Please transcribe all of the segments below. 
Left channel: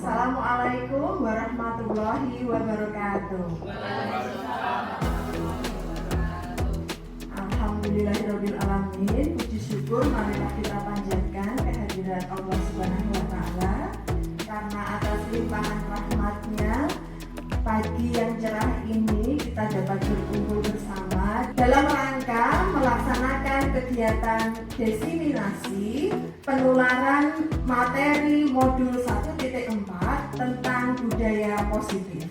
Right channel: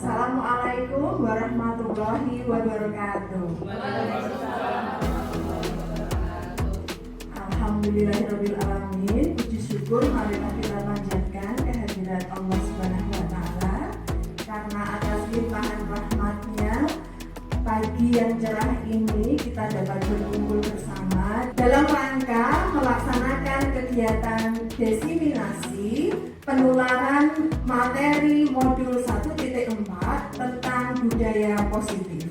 Assalamualaikum warahmatullahi wabarakatuh. Alhamdulillahirabbil alamin. Puji syukur marilah kita panjatkan kehadiran Allah Subhanahu wa taala karena atas limpahan rahmatnya pagi yang cerah ini kita dapat berkumpul bersama dalam rangka melaksanakan kegiatan diseminasi penularan materi modul 1.4 tentang budaya positif.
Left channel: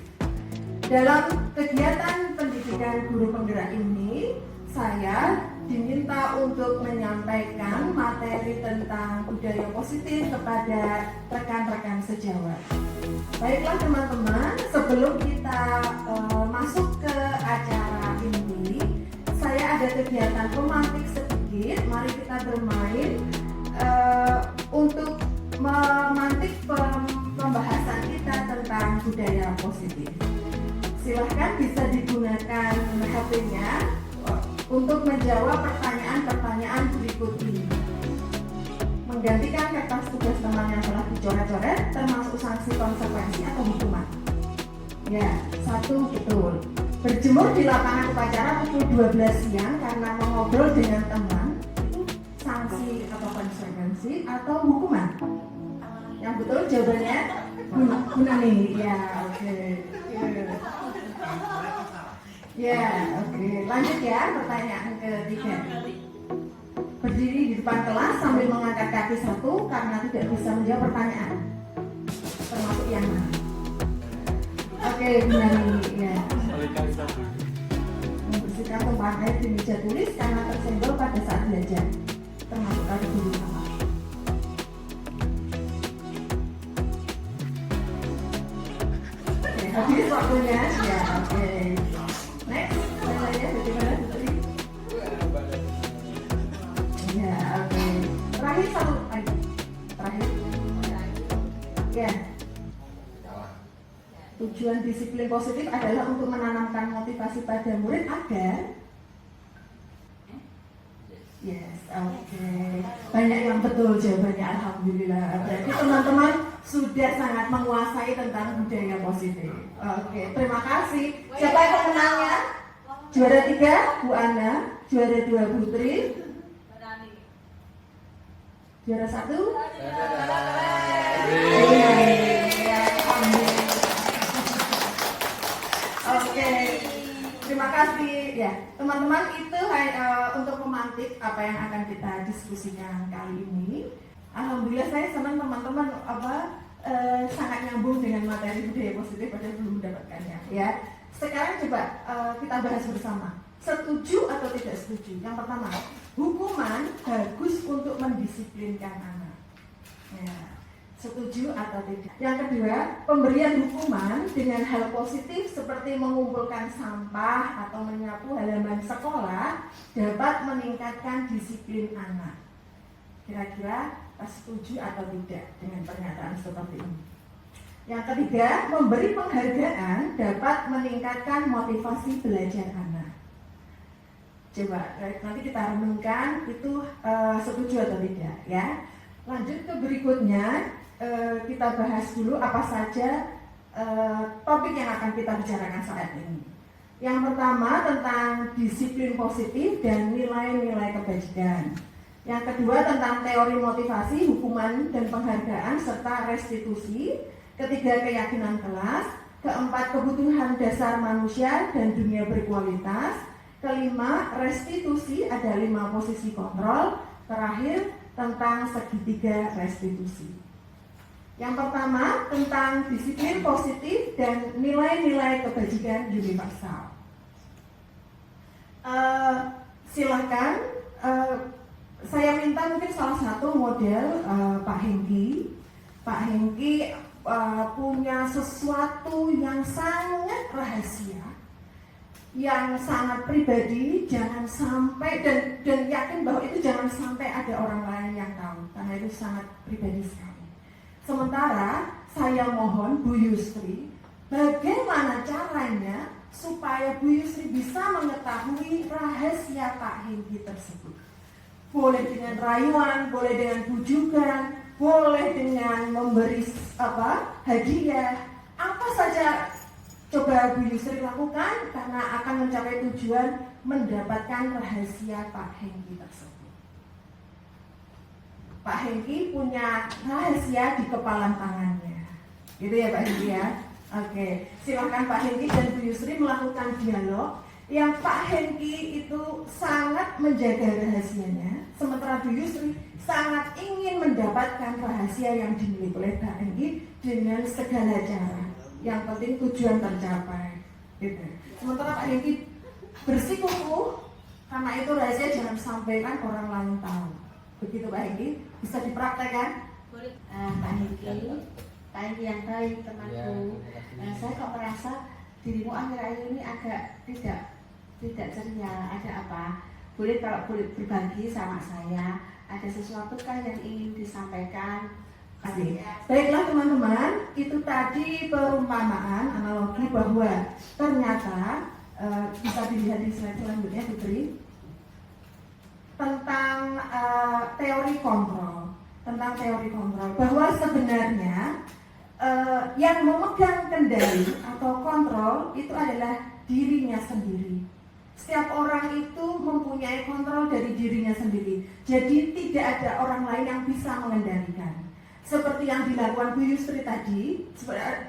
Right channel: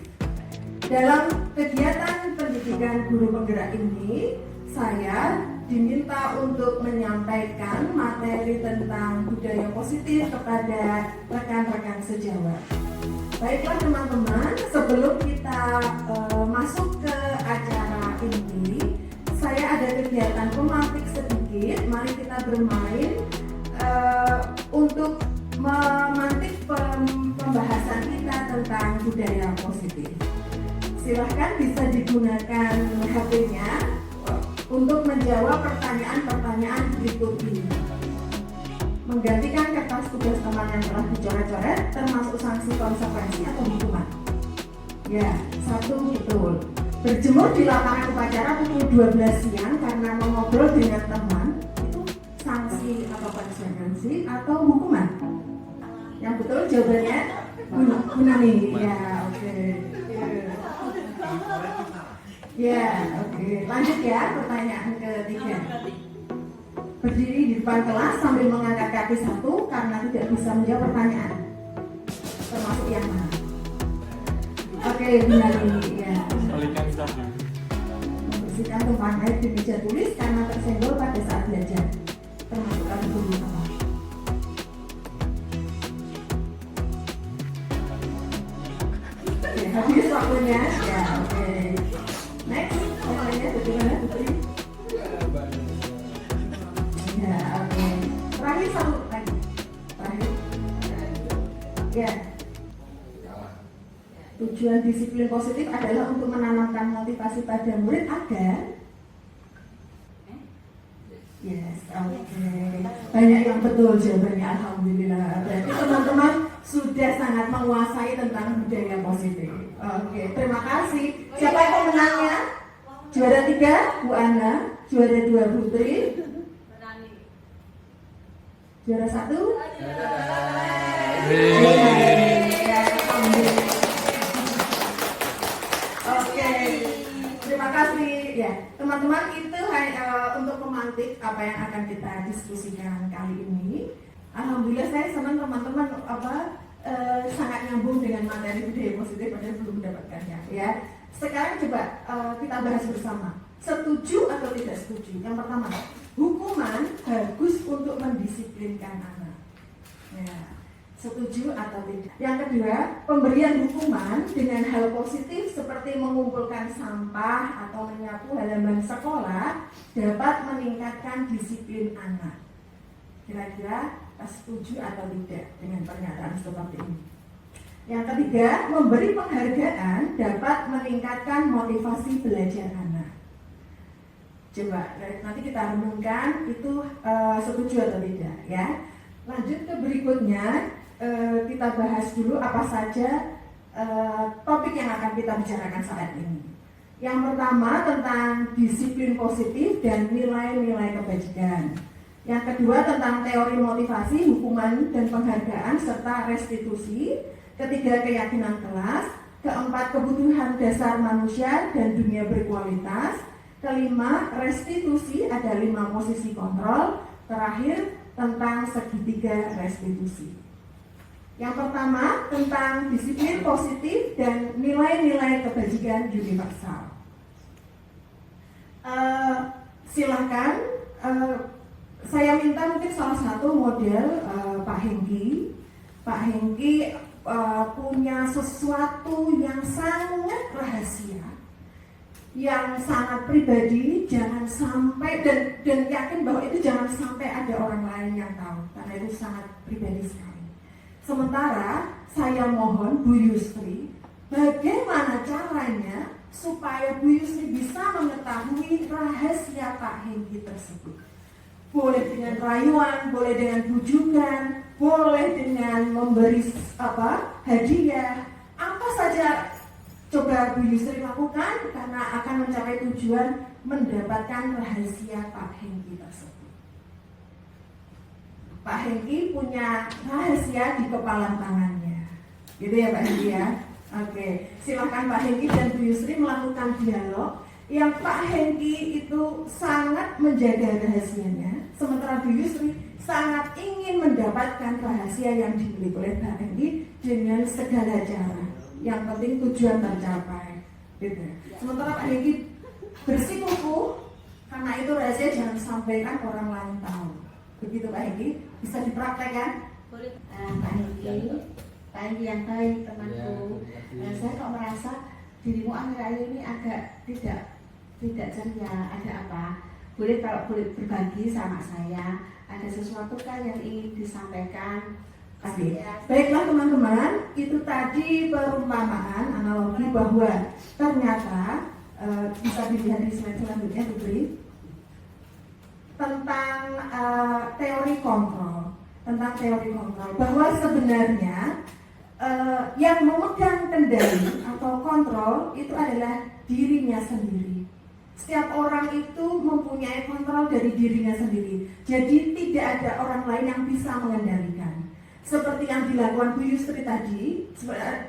Dalam kegiatan pendidikan guru penggerak ini, saya diminta untuk menyampaikan materi tentang budaya positif kepada rekan-rekan sejawat. Baiklah teman-teman, sebelum kita masuk ke acara ini, saya ada kegiatan pemantik sedikit. Mari kita bermain untuk memantik pembahasan kita tentang budaya positif. Silahkan bisa digunakan HP-nya untuk menjawab pertanyaan-pertanyaan berikut ini. Menggantikan kertas tugas teman yang telah dicoret-coret termasuk sanksi konsekuensi atau hukuman. Ya, 1 betul. Berjemur di lapangan upacara pukul 12 siang karena mengobrol dengan teman itu sanksi atau konsekuensi atau hukuman. Yang betul jawabannya guna nih. Ya, oke. Ya, oke. Lanjut ya, pertanyaan ketiga. Berdiri di depan kelas sambil mengangkat kaki 1 karena tidak bisa menjawab pertanyaan, termasuk yang mana? Oke, benar ini ya. Membersihkan tumpahan air di meja tulis karena tersenggol pada saat belajar, termasuk pada guru apa? Oke, habis waktunya. Ya, oke. Next, bagaimana Putri? Ya, oke. Terakhir 1 lagi. Terakhir. Ya. Tujuan disiplin positif adalah untuk menanamkan motivasi pada murid agar yes, oke. Banyak yang betul jawabannya, alhamdulillah. Berarti teman-teman sudah sangat menguasai tentang budaya positif. Oke, terima kasih. Siapa yang pemenangnya? Juara 3 Bu Anda, juara 2 Putri, juara 1? Oke, terima kasih. Ya, teman-teman, itu untuk memantik apa yang akan kita diskusikan kali ini. Alhamdulillah saya senang teman-teman sangat nyambung dengan materi budaya positif pada belum mendapatkannya. Ya, sekarang coba kita bahas bersama. Setuju atau tidak setuju? Yang pertama, hukuman bagus untuk mendisiplinkan anak. Ya, setuju atau tidak? Yang kedua, pemberian hukuman dengan hal positif seperti mengumpulkan sampah atau menyapu halaman sekolah dapat meningkatkan disiplin anak. Kira-kira setuju atau tidak dengan pernyataan seperti ini? Yang ketiga, memberi penghargaan dapat meningkatkan motivasi belajar anak. Coba nanti kita renungkan itu setuju atau tidak ya. Lanjut ke berikutnya, kita bahas dulu apa saja topik yang akan kita bicarakan saat ini. Yang pertama tentang disiplin positif dan nilai-nilai kebajikan. Yang kedua tentang teori motivasi, hukuman dan penghargaan serta restitusi. Ketiga, keyakinan kelas. Keempat, kebutuhan dasar manusia dan dunia berkualitas. Kelima, restitusi, ada 5 posisi kontrol. Terakhir, tentang segitiga restitusi. Yang pertama, tentang disiplin positif dan nilai-nilai kebajikan universal. Silakan, saya minta mungkin salah satu model Pak Hengki. Pak Hengki punya sesuatu yang sangat rahasia, yang sangat pribadi, jangan sampai dan yakin bahwa itu jangan sampai ada orang lain yang tahu karena itu sangat pribadi sekali. Sementara saya mohon Bu Yusri, bagaimana caranya supaya Bu Yusri bisa mengetahui rahasia Pak Hengki tersebut? Boleh dengan rayuan, boleh dengan bujukan, boleh dengan memberi hadiah, apa saja coba Bu Yusri lakukan karena akan mencapai tujuan mendapatkan rahasia Pak Hengki tersebut. Pak Hengki punya rahasia di kepala tangannya, gitu ya Pak Hengki ya. Oke, silakan Pak Hengki dan Bu Yusri melakukan dialog. Yang Pak Hengki itu sangat menjaga rahasianya, sementara Bu Yusri sangat ingin mendapatkan rahasia yang dimiliki oleh Pak Hengki dengan segala cara. Yang penting tujuan tercapai, gitu. Sementara Pak Hengki bersikukuh karena itu rahasia jangan sampaikan orang lain tahu. Begitu Pak Hengki, bisa dipraktekkan? Boleh. Pak Hengki yang baik temanku. Saya kok merasa dirimu akhir-akhir ini agak tidak ceria. Ada apa? Boleh kalau boleh berbagi sama saya. Ada sesuatu kan yang ingin disampaikan? Baiklah teman-teman, itu tadi perumpamaan analogi bahwa ternyata bisa dilihat di slide selanjutnya diberi tentang teori kontrol, bahwa sebenarnya yang memegang kendali atau kontrol itu adalah dirinya sendiri. Setiap orang itu mempunyai kontrol dari dirinya sendiri. Jadi tidak ada orang lain yang bisa mengendalikan. Seperti yang dilakukan Bu Yusri tadi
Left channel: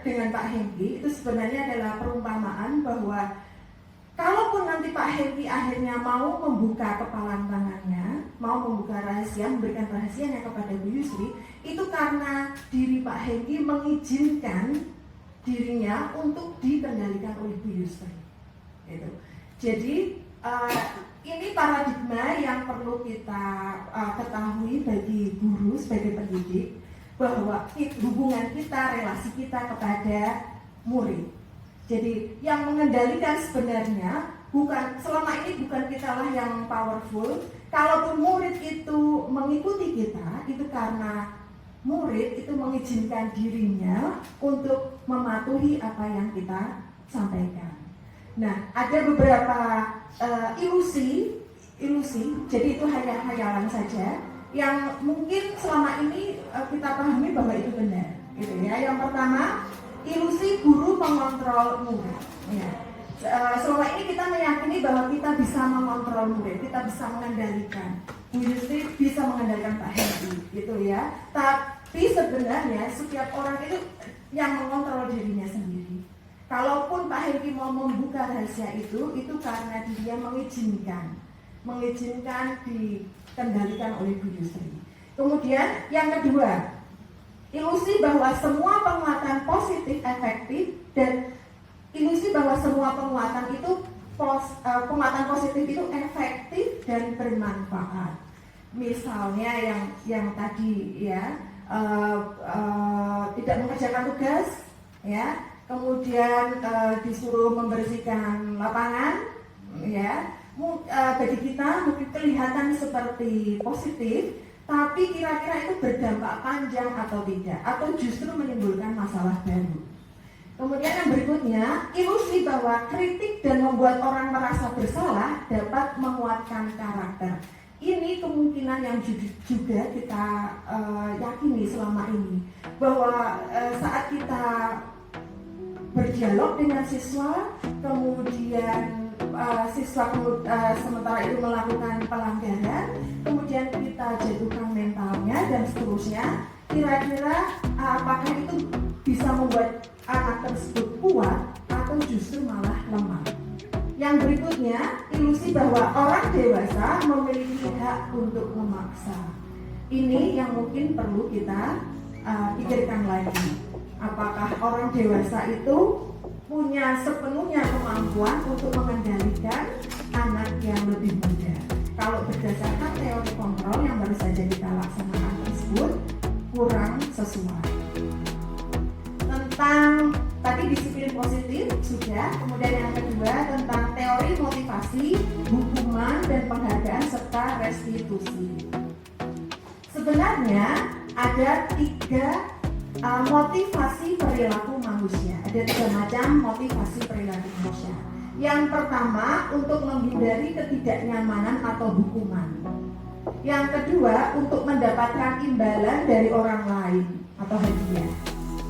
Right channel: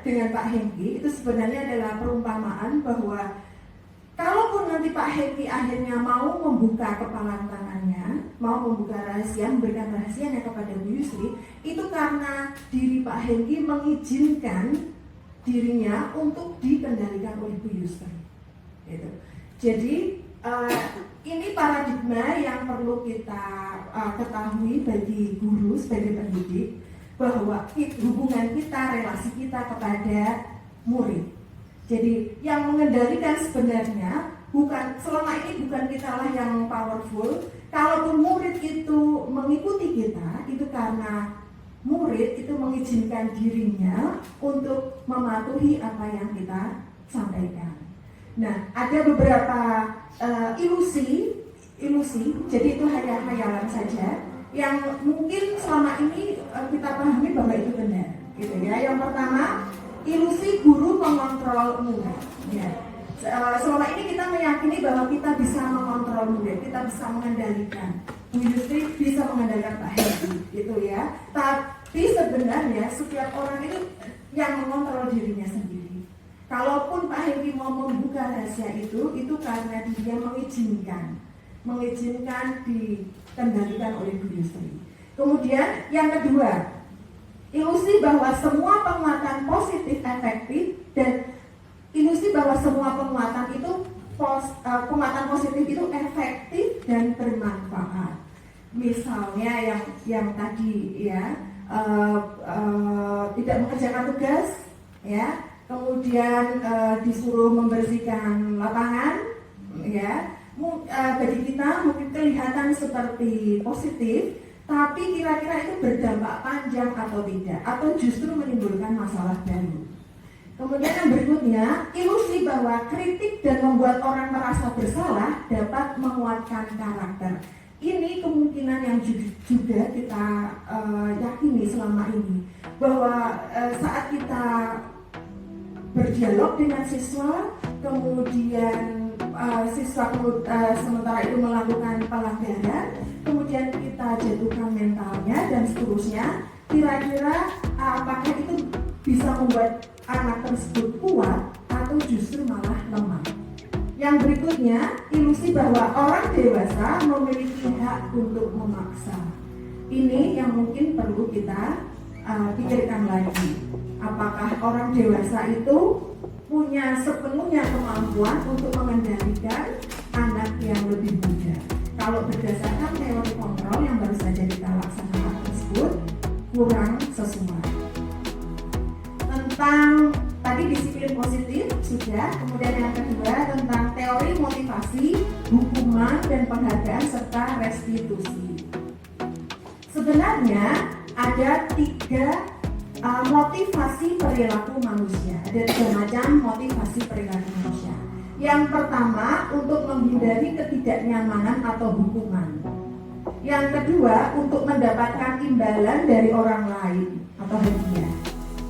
dengan Pak Hengki, itu sebenarnya adalah perumpamaan bahwa kalaupun nanti Pak Hengki akhirnya mau membuka kepala tangannya, mau membuka rahasia, memberikan rahasianya kepada Bu Yusri, itu karena diri Pak Hengki mengizinkan dirinya untuk dikendalikan oleh Bu Yusri. Gitu. Jadi ini paradigma yang perlu kita ketahui bagi guru sebagai pendidik, bahwa hubungan kita, relasi kita kepada murid. Jadi yang mengendalikan sebenarnya selama ini bukan kitalah yang powerful. Kalaupun murid itu mengikuti kita, itu karena murid itu mengizinkan dirinya untuk mematuhi apa yang kita sampaikan. Nah, ada beberapa ilusi, jadi itu hanya khayalan saja yang mungkin selama ini kita pahami bahwa itu benar, gitu ya. Yang pertama, ilusi guru mengontrol murid. Ya. Selama ini kita meyakini bahwa kita bisa mengontrol murid, kita bisa mengendalikan. Bu Yusri bisa mengendalikan Pak Hengki, gitu ya. Tapi sebenarnya setiap orang itu yang mengontrol dirinya sendiri. Kalaupun Pak Hengki mau membuka rahasia itu karena dia mengizinkan dikendalikan oleh Bu Yusri. Kemudian yang kedua, ilusi bahwa semua penguatan positif efektif, dan ilusi bahwa semua penguatan positif itu efektif dan bermanfaat. Misalnya yang tadi ya tidak mengerjakan tugas, ya, kemudian disuruh membersihkan lapangan, ya. Bagi kita mungkin kelihatan seperti positif, tapi kira-kira itu berdampak panjang atau tidak, atau justru menimbulkan masalah baru. Kemudian yang berikutnya, ilusi bahwa kritik dan membuat orang merasa bersalah dapat menguatkan karakter. Ini kemungkinan yang juga kita yakini selama ini, bahwa saat kita berdialog dengan siswa, kemudian siswa sementara itu melakukan pelanggaran, kemudian kita jatuhkan mentalnya dan seterusnya, kira-kira apakah itu bisa membuat anak tersebut kuat atau justru malah lemah. Yang berikutnya, ilusi bahwa orang dewasa memiliki hak untuk memaksa. Ini yang mungkin perlu kita pikirkan lagi. Apakah orang dewasa itu punya sepenuhnya kemampuan untuk mengendalikan anak yang lebih muda? Kalau berdasarkan teori kontrol yang baru saja kita laksanakan tersebut, kurang sesuai. Tentang tadi disiplin positif sudah, kemudian yang kedua tentang teori motivasi, hukuman dan penghargaan serta restitusi. Sebenarnya ada 3 motivasi perilaku manusia. Ada 3 macam motivasi perilaku manusia. Yang pertama, untuk menghindari ketidaknyamanan atau hukuman. Yang kedua, untuk mendapatkan imbalan dari orang lain atau hadiah.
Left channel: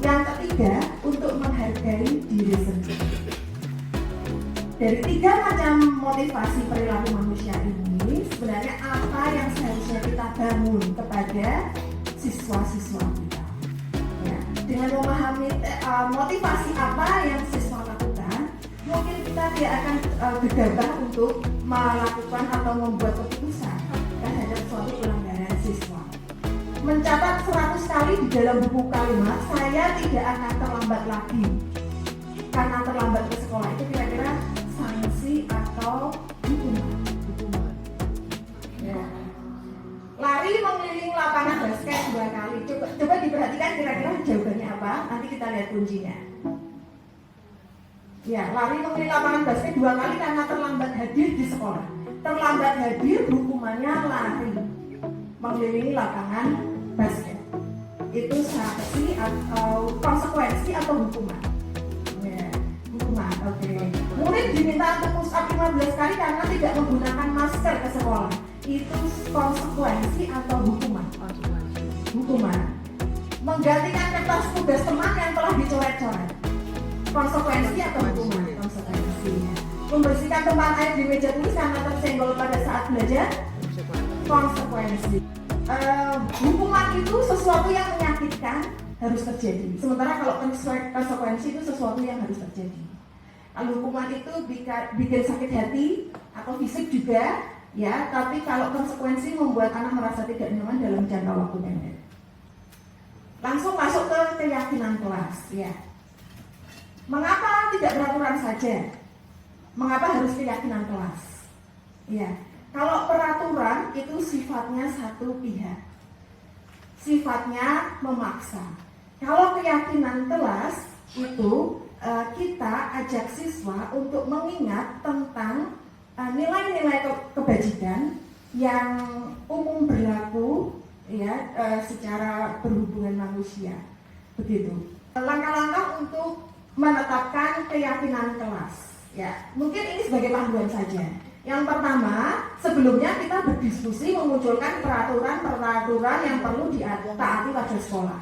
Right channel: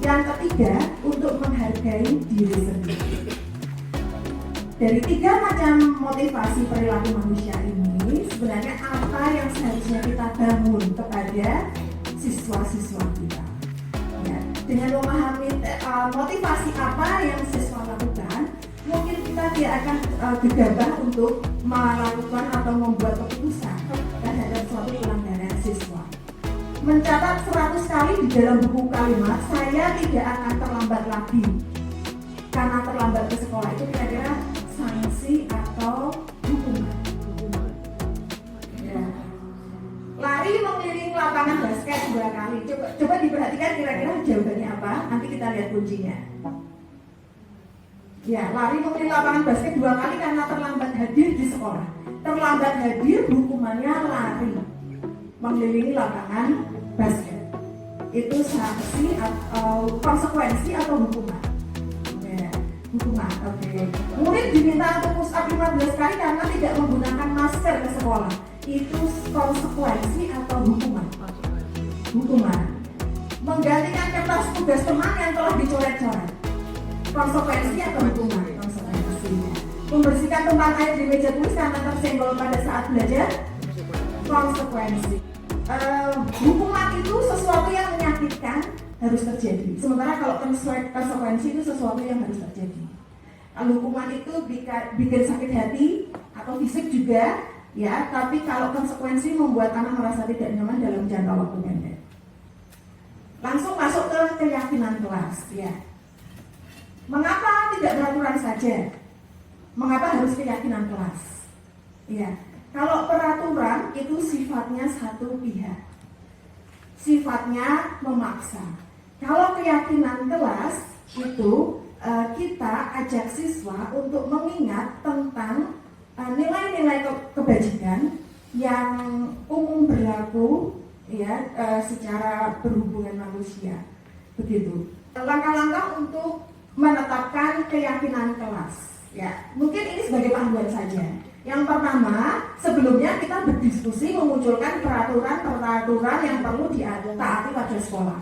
Yang ketiga, untuk menghargai diri sendiri. Dari 3 macam motivasi perilaku manusia ini, sebenarnya apa yang seharusnya kita bangun kepada siswa-siswa kita? Ya, dengan memahami motivasi apa yang siswa lakukan, mungkin kita tidak akan gegabah untuk melakukan atau membuat keputusan terhadap suatu pelanggaran siswa. Mencatat 100 kali di dalam buku kalimat, saya tidak akan terlambat lagi. Karena terlambat ke sekolah itu kira-kira sanksi atau hukuman. Ya. Lari mengelilingi lapangan basket 2 kali. Coba diperhatikan kira-kira jawabannya apa. Nanti kita lihat kuncinya. Ya, lari mengelilingi lapangan basket 2 kali karena terlambat hadir di sekolah. Terlambat hadir hukumannya lari mengelilingi lapangan basket. Itu sanksi atau konsekuensi atau hukuman. Ya, hukuman. Oke. Murid diminta untuk push up 15 kali karena tidak menggunakan masker ke sekolah. Itu konsekuensi atau hukuman? Hukuman. Menggantikan kertas tugas teman yang telah dicoret-coret. Konsekuensi atau hukuman? Konsekuensinya. Membersihkan tempat air di meja tulis karena tersenggol pada saat belajar. Konsekuensi. Hukuman itu sesuatu yang menyakitkan harus terjadi. Sementara kalau konsekuensi itu sesuatu yang harus terjadi. Kalau hukuman itu bikin sakit hati atau fisik juga, ya. Tapi kalau konsekuensi membuat anak merasa tidak nyaman dalam jangka waktu pendek. Langsung masuk ke keyakinan kelas, ya. Mengapa tidak peraturan saja? Mengapa harus keyakinan kelas? Ya. Kalau peraturan itu sifatnya satu pihak, sifatnya memaksa. Kalau keyakinan kelas itu kita ajak siswa untuk mengingat tentang nilai-nilai kebajikan yang umum berlaku, ya, secara berhubungan manusia. Begitu. Langkah-langkah untuk menetapkan keyakinan kelas. Ya, mungkin ini sebagai panduan saja. Yang pertama, sebelumnya kita berdiskusi memunculkan peraturan yang perlu ditaati pada sekolah.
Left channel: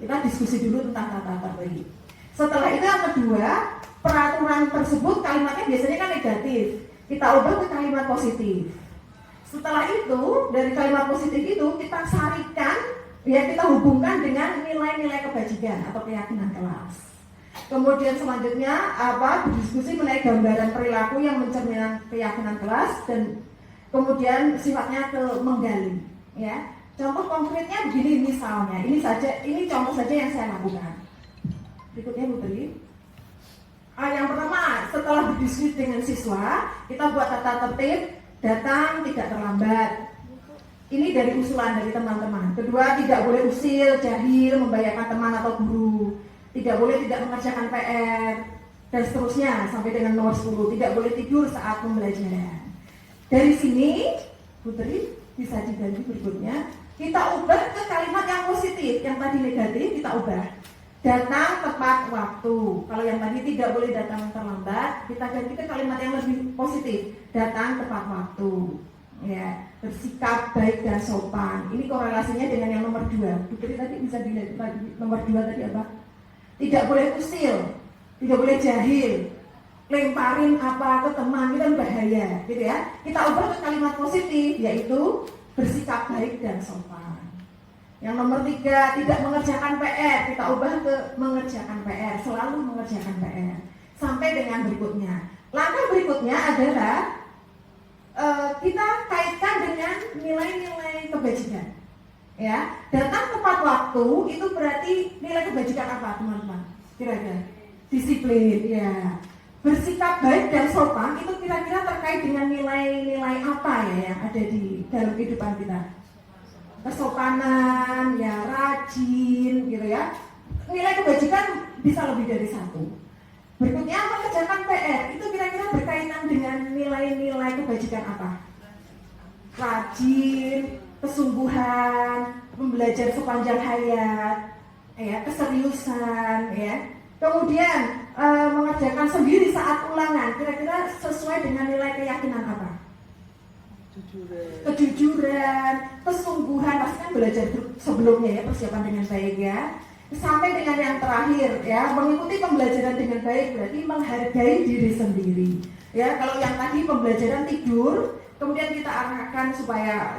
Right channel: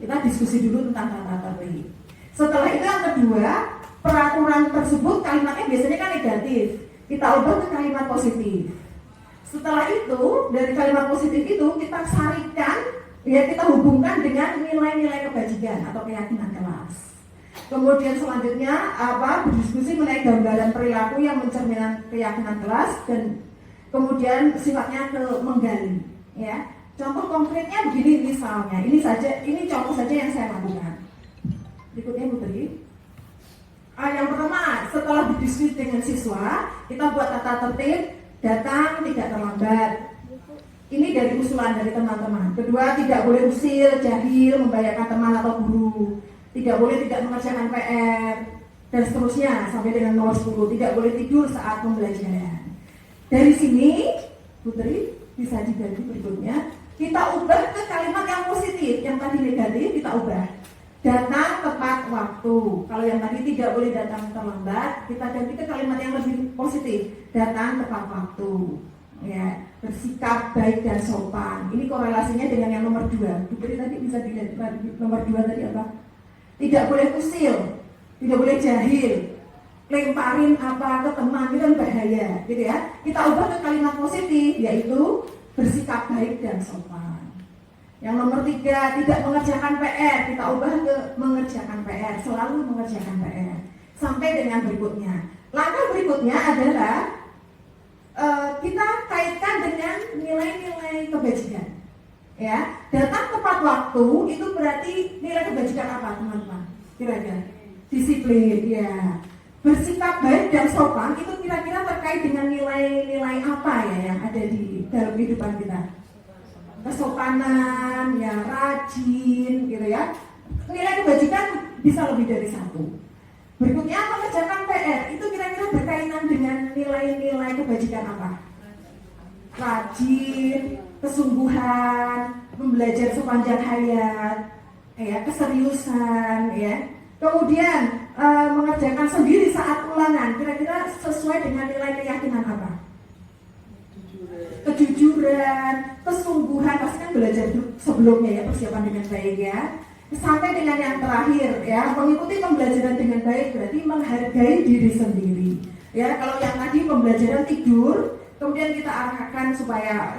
Kita diskusi dulu tentang tata tertib. Setelah itu yang kedua, peraturan tersebut kalimatnya biasanya kan negatif. Kita ubah ke kalimat positif. Setelah itu, dari kalimat positif itu kita sarikan, ya, kita hubungkan dengan nilai-nilai kebajikan atau keyakinan kelas. Kemudian selanjutnya berdiskusi mengenai gambaran perilaku yang mencerminkan keyakinan kelas dan kemudian sifatnya menggali. Ya, contoh konkretnya begini misalnya, ini contoh saja yang saya lakukan. Berikutnya Putri. Yang pertama, setelah berdiskusi dengan siswa, kita buat tata tertib, datang tidak terlambat. Ini dari usulan dari teman-teman. Kedua, tidak boleh usil, jahil, membahayakan teman atau guru. Tidak boleh tidak mengerjakan PR, dan seterusnya sampai dengan nomor 10. Tidak boleh tidur saat pembelajaran. Dari sini, Putri, bisa diganti berikutnya. Kita ubah ke kalimat yang positif. Yang tadi negatif, kita ubah. Datang tepat waktu. Kalau yang tadi tidak boleh datang terlambat, kita ganti ke kalimat yang lebih positif. Datang tepat waktu. Ya, bersikap baik dan sopan. Ini korelasinya dengan yang nomor 2. Putri tadi bisa dilihat nomor 2 tadi apa? Tidak boleh usil, tidak boleh jahil, lemparin apa ke teman, itu kan bahaya, gitu ya. Kita ubah ke kalimat positif, yaitu bersikap baik dan sopan. Yang nomor 3, tidak mengerjakan PR, kita ubah ke mengerjakan PR, selalu mengerjakan PR. Sampai dengan berikutnya. Langkah berikutnya adalah kita kaitkan dengan nilai-nilai kebajikan. Ya, datang tepat waktu itu berarti nilai kebajikan apa, teman-teman? Kira-kira disiplin, ya. Bersikap baik dan sopan itu kira-kira terkait dengan nilai-nilai apa ya yang ada di dalam kehidupan kita? Kesopanan, ya, rajin, gitu ya. Nilai kebajikan bisa lebih dari 1. Berikutnya mengerjakan PR itu kira-kira berkaitan dengan nilai-nilai kebajikan apa? Rajin, kesungguhan, belajar sepanjang hayat, ya, keseriusan, ya. Kemudian mengerjakan sendiri saat ulangan, kira-kira sesuai dengan nilai keyakinan apa? kejujuran, kesungguhan, pasti kan belajar sebelumnya ya, persiapan dengan baik ya. Sampai dengan yang terakhir ya, mengikuti pembelajaran dengan baik berarti menghargai diri sendiri. Ya, kalau yang tadi pembelajaran tidur, kemudian kita arahkan supaya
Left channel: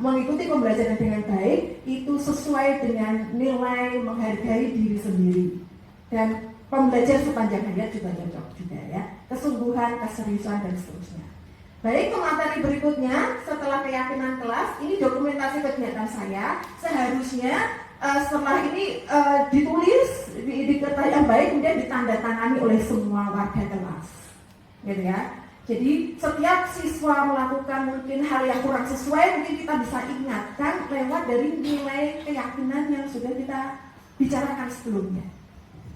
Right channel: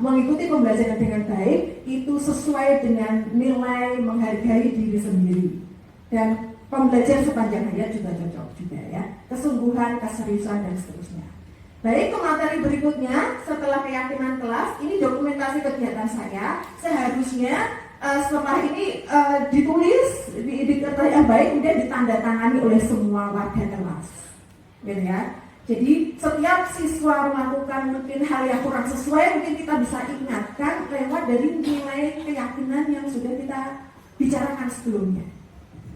mengikuti pembelajaran dengan baik, itu sesuai dengan nilai menghargai diri sendiri. Dan pembelajaran sepanjang hayat juga cocok juga ya, kesungguhan, keseriusan dan seterusnya. Baik, ke materi berikutnya setelah keyakinan kelas, ini dokumentasi kegiatan saya. Seharusnya setelah ini ditulis di kertas yang baik, kemudian ditandatangani oleh semua warga kelas, gitu ya. Jadi setiap siswa melakukan mungkin hal yang kurang sesuai, mungkin kita bisa ingatkan lewat dari nilai keyakinan yang sudah kita bicarakan sebelumnya.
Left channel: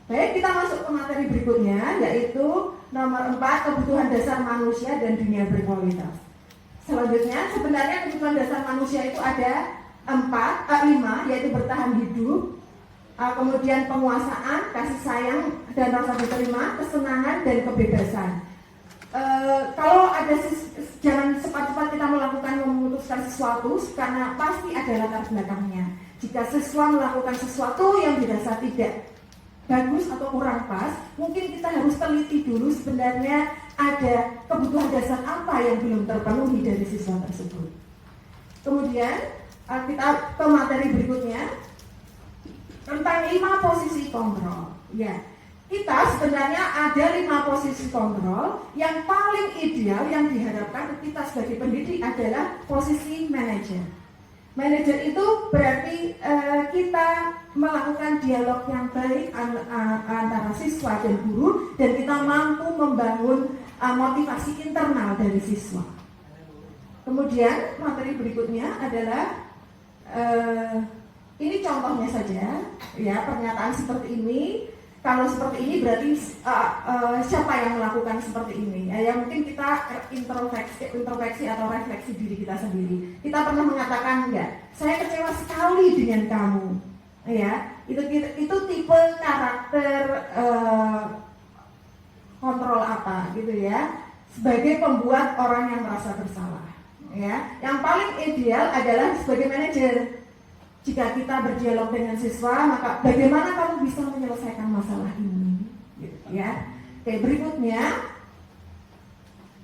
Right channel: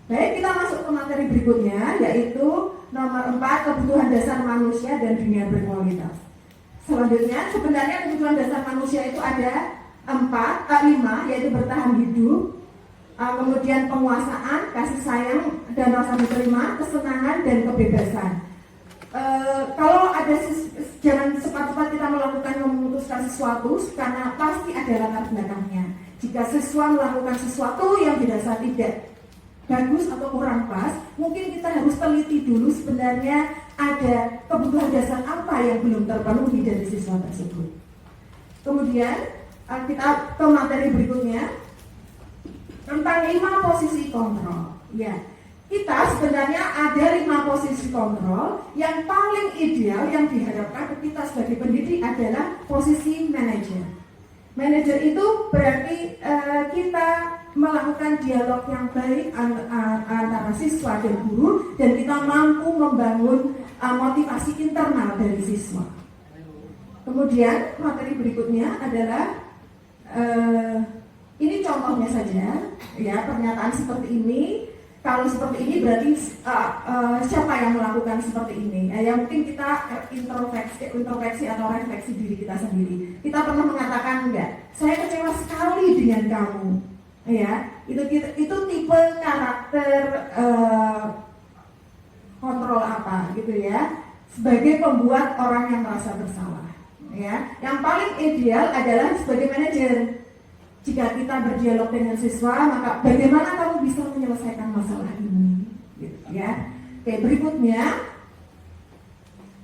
Baik, kita masuk ke materi berikutnya, yaitu nomor 4, kebutuhan dasar manusia dan dunia berkualitas. Selanjutnya, sebenarnya kebutuhan dasar manusia itu ada 5, yaitu bertahan hidup, kemudian penguasaan, kasih sayang dan rasa diterima, kesenangan dan kebebasan. Kalau ada jangan cepat-cepat kita melakukan memutuskan sesuatu karena pasti ada latar belakangnya. Jika siswa melakukan sesuatu yang dirasa tidak bagus atau kurang pas, mungkin kita harus teliti dulu sebenarnya ada kebutuhan dasar apa yang belum terpenuhi dari siswa tersebut. Kemudian kita ke materi berikutnya tentang 5 posisi kontrol. Ya, kita sebenarnya ada 5 posisi kontrol yang paling ideal yang diharapkan kita sebagai pendidik adalah posisi manajer. Manajer itu berarti kita melakukan dialog yang baik antara siswa dan guru, dan kita mampu membangun motivasi internal dari siswa. Kemudian materi berikutnya adalah ini contohnya saja ya, pernyataan seperti ini. Kalau seperti ini berarti siapa yang melakukan seperti ini? Ya mungkin kita introspeksi atau refleksi diri kita sendiri. Kita pernah mengatakan enggak, saya kecewa sekali dengan kamu. Ya, itu tipe karakter kontrol apa gitu ya, sebagai pembuat orang yang merasa bersalah. Ya, yang paling ideal adalah sebagai manajer. Jika kita berdialog dengan siswa, maka bagaimana kamu bisa menyelesaikan masalah ini? Gitu, ya. Oke, berikutnya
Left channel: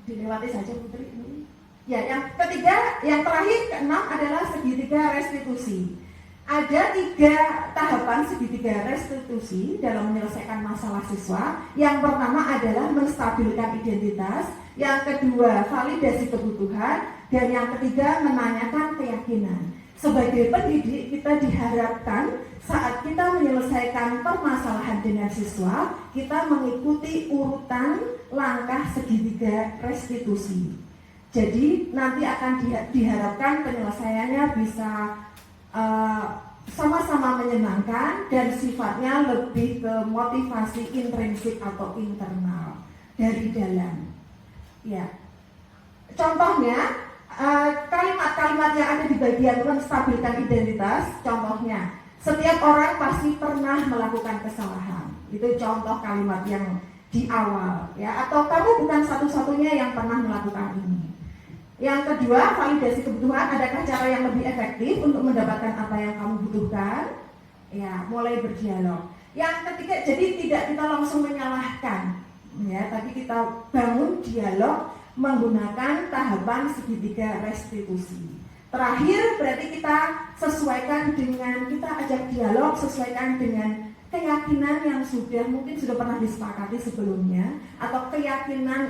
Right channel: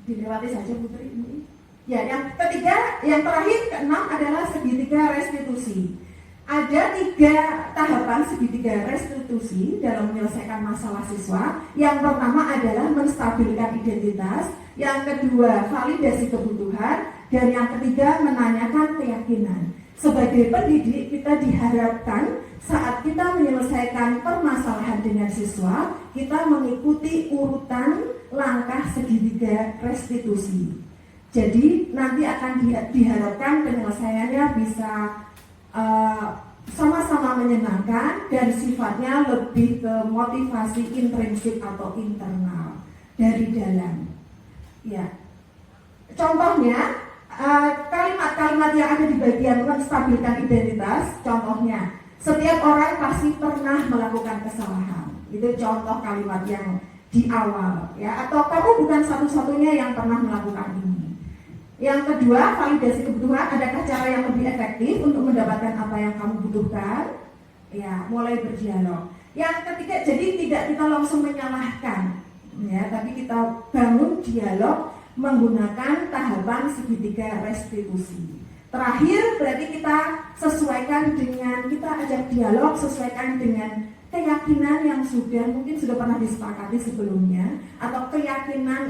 dilewati saja Putri ini. Ya, yang ketiga, yang terakhir keenam adalah segitiga restitusi. Ada 3 tahapan segitiga restitusi dalam menyelesaikan masalah siswa. Yang pertama adalah menstabilkan identitas, yang kedua validasi kebutuhan, dan yang ketiga menanyakan keyakinan. Sebagai pendidik, kita diharapkan saat kita menyelesaikan permasalahan dengan siswa, kita mengikuti urutan langkah segitiga restitusi. Jadi nanti akan diharapkan penyelesaiannya bisa sama-sama menyenangkan dan sifatnya lebih ke motivasi intrinsik atau internal dari dalam. Ya, contohnya kalimat-kalimat yang ada di bagian menstabilkan identitas. Contohnya, setiap orang pasti pernah melakukan kesalahan. Itu contoh kalimat yang di awal, ya. Atau kamu bukan satu-satunya yang pernah melakukan ini. Yang kedua, validasi kebutuhan. Adakah cara yang lebih efektif untuk mendapatkan apa yang kamu butuhkan? Ya, mulai berdialog. Yang ketiga, jadi tidak kita langsung menyalahkan, ya, tapi kita bangun dialog menggunakan tahapan segitiga restitusi. Terakhir, berarti kita sesuaikan dengan, kita ajak dialog sesuaikan dengan keyakinan yang mungkin sudah pernah disepakati sebelumnya, atau keyakinan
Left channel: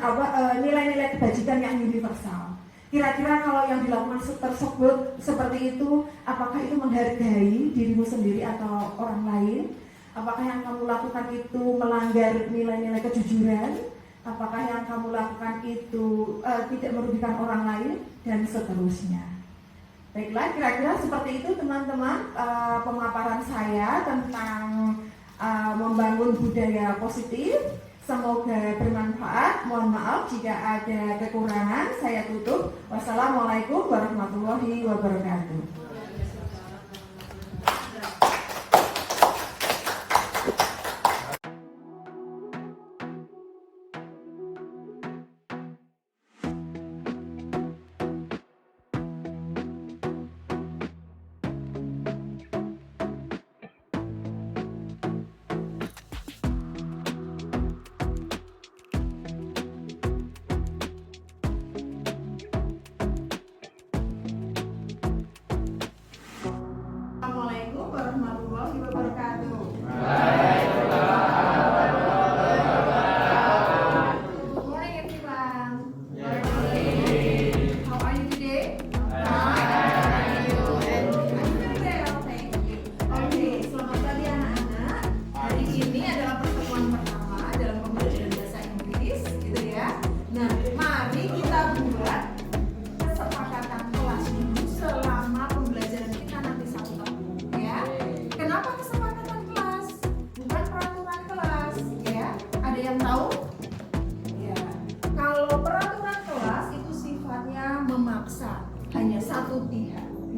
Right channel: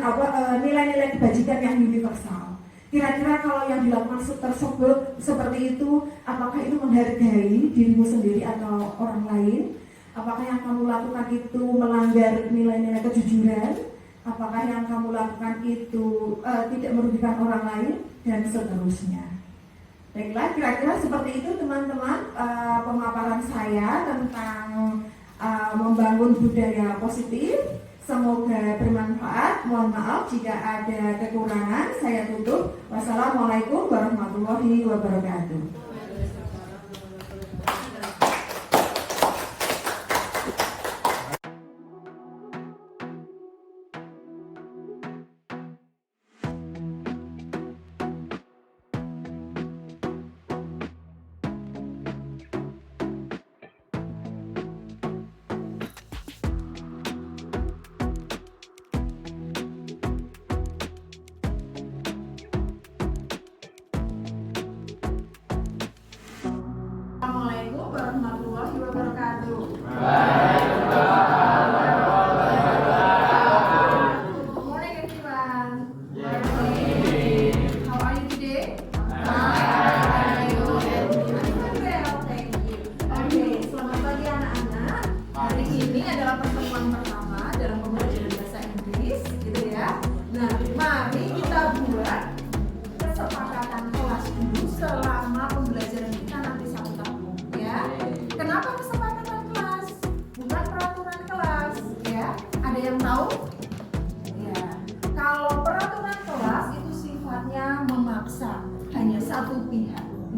nilai-nilai kebajikan yang universal. Kira-kira kalau yang dilakukan tersebut seperti itu, apakah itu menghargai dirimu sendiri atau orang lain? Apakah yang kamu lakukan itu melanggar nilai-nilai kejujuran? Apakah yang kamu lakukan itu tidak merugikan orang lain? Dan seterusnya. Baiklah, kira-kira seperti itu teman-teman pemaparan saya tentang membangun budaya positif. Semoga bermanfaat. Mohon maaf jika ada kekurangan. Saya tutup. Wassalamualaikum warahmatullahi wabarakatuh.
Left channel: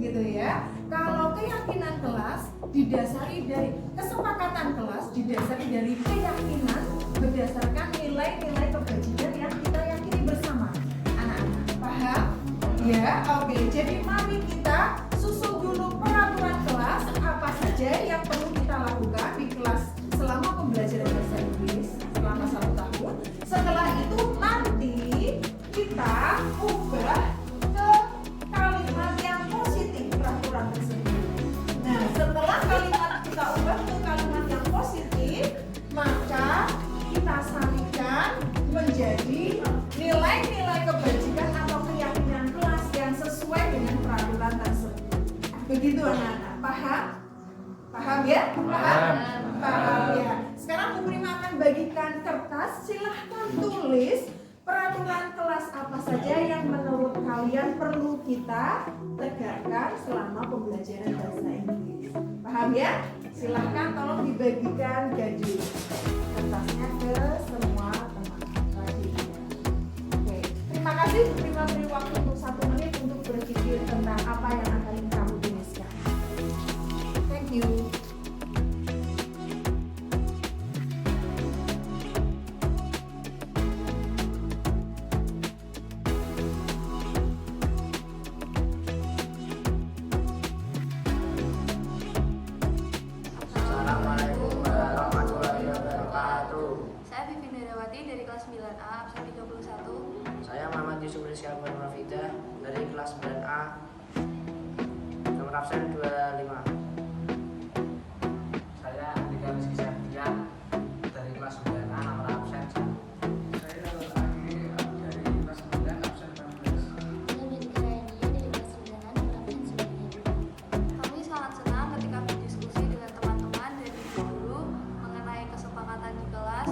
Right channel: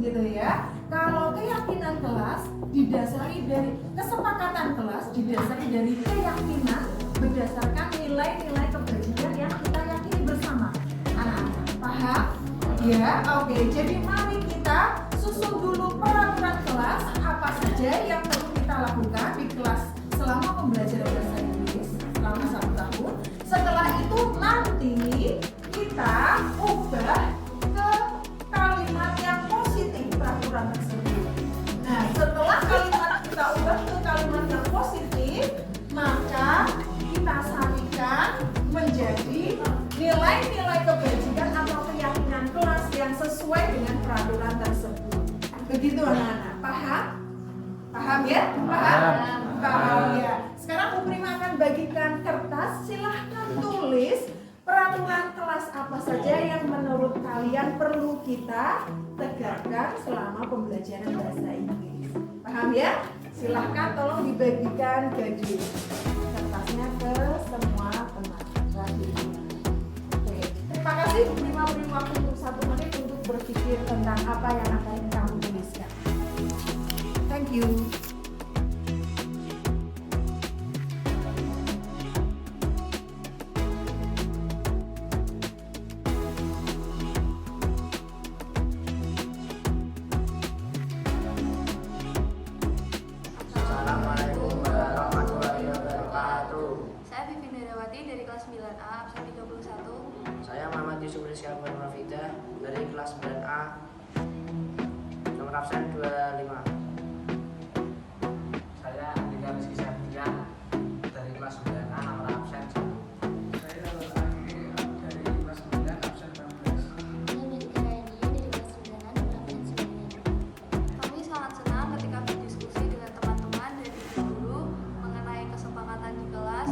gitu ya. Kalau keyakinan kelas didasari dari kesepakatan kelas, didasari dari keyakinan berdasarkan nilai-nilai kebajikan yang kita yakini bersama. Anak-anak, paham? Ya, oke. Jadi mari kita susun dulu peraturan kelas apa saja yang perlu kita lakukan di kelas selama pembelajaran bahasa Inggris selama 1 tahun. Setelah itu nanti kita ubah ke kalimat yang positif peraturan tersebut. Nah, setelah kalimat kita ubah ke kalimat yang positif, maka kita sarikan menjadi nilai-nilai kebajikan atau keyakinan kelas yang sesuai dengan peraturan tersebut. Begitu anak-anak, paham? Paham ya? Paham ya. Sekarang Bu Prima akan bagikan kertas, silahkan tulis peraturan kelas apa saja yang menurut kalian perlu kita tegakkan selama pembelajaran bahasa Inggris. Paham ya? Silahkan tolong dibagikan gadis kertasnya ke semua teman. Oke, terima kasih. Bu Prima beri waktu untuk 1 menit untuk berpikir tentang apa yang akan kamu tuliskan. Thank you. Assalamualaikum warahmatullahi wabarakatuh. Saya Vivi Darawati dari kelas 9A, absen 31. Saya Muhammad Yusuf Rizky Alban Rafida dari kelas 9A, nomor absen 25. Saya Andika Rizky Septian dari kelas 9A, nomor absen 1. Saya Lagi dari kelas 9 absen 16. Saya Medika Raini dari kelas 9A, nomor absen 9. Kami sangat senang ketika berdiskusi dengan teman-teman dan ibu guru mengenai kesepakatan di kelas,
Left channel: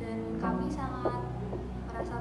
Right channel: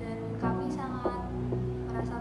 dan kami sangat merasa